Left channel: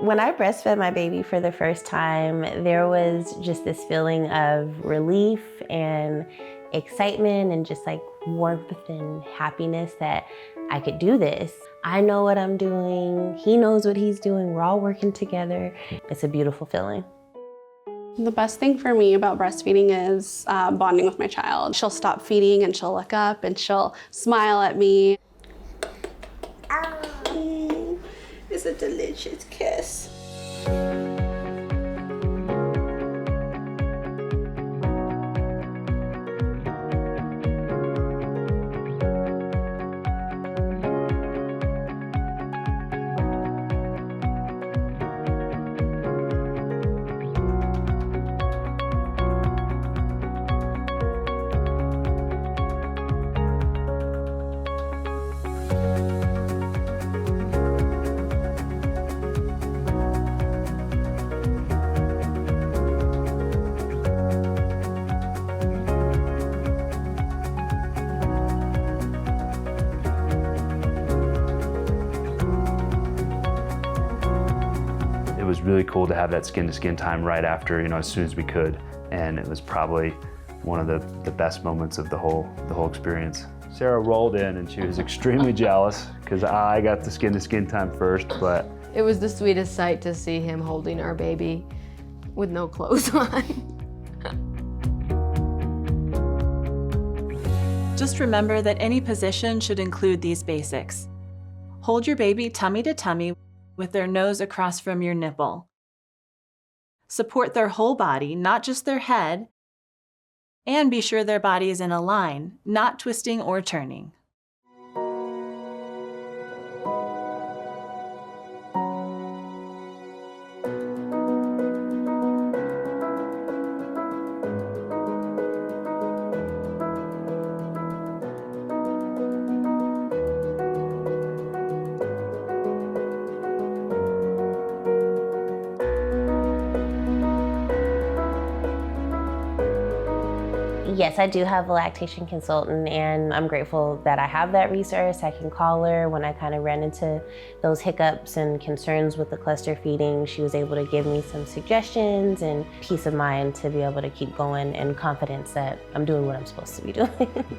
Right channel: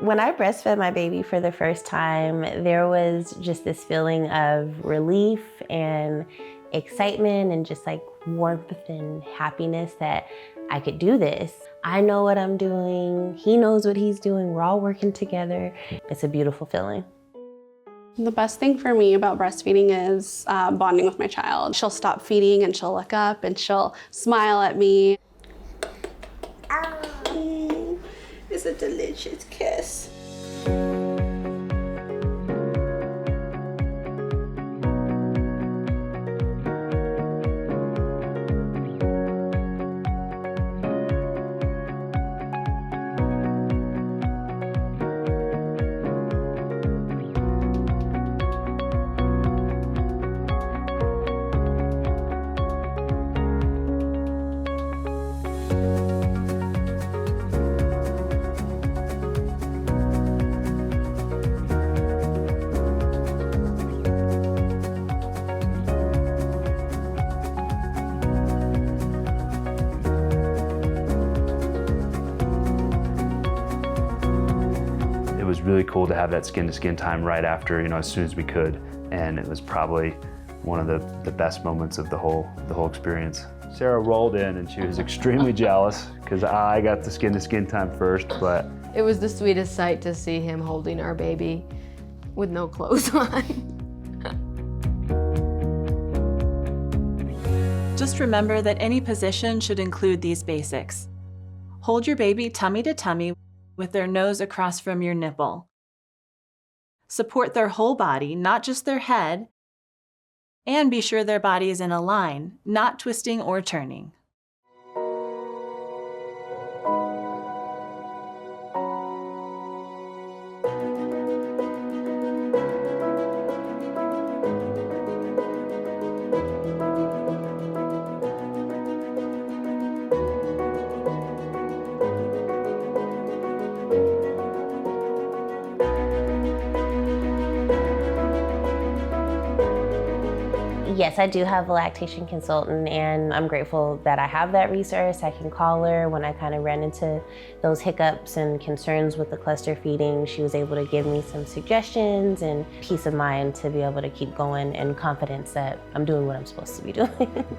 When I breastfed my baby for the first time, there was just this feeling of relief and excitement and just like warmth and happiness that I could do this. I know what I'm doing, he knows what he's doing, we're all working together. It's a beautiful feeling. The best thing for me about breastfeeding is bonding with my child. She'll stop feeding and she'll look up and she'll smile at me. It's a delicious kiss. It was really cool to have that skin-to-skin time right after, as soon as we could. And it was probably one of the best moments of the whole experience. Sarah rolled in and she was extremely jealous because I got the skin-to-skin time first, but. It was the sweetest sight to see him holding our baby with no clothes on. Just remember that any position should include these basics. Hold your baby tummy to tummy with their nose across from your nipple. Support their whole body, not just their head, and be sure their body is in a line, not twisting or turning. Yes, I do have a lactation consultant, and I'm grateful that I have that resource. I can call her when I kind of ran into those hiccups and concerns with the cluster feeding. She was able to give me some suggestions and peace of mind to be able to keep going and confidence that I'm doing what I'm supposed to be doing.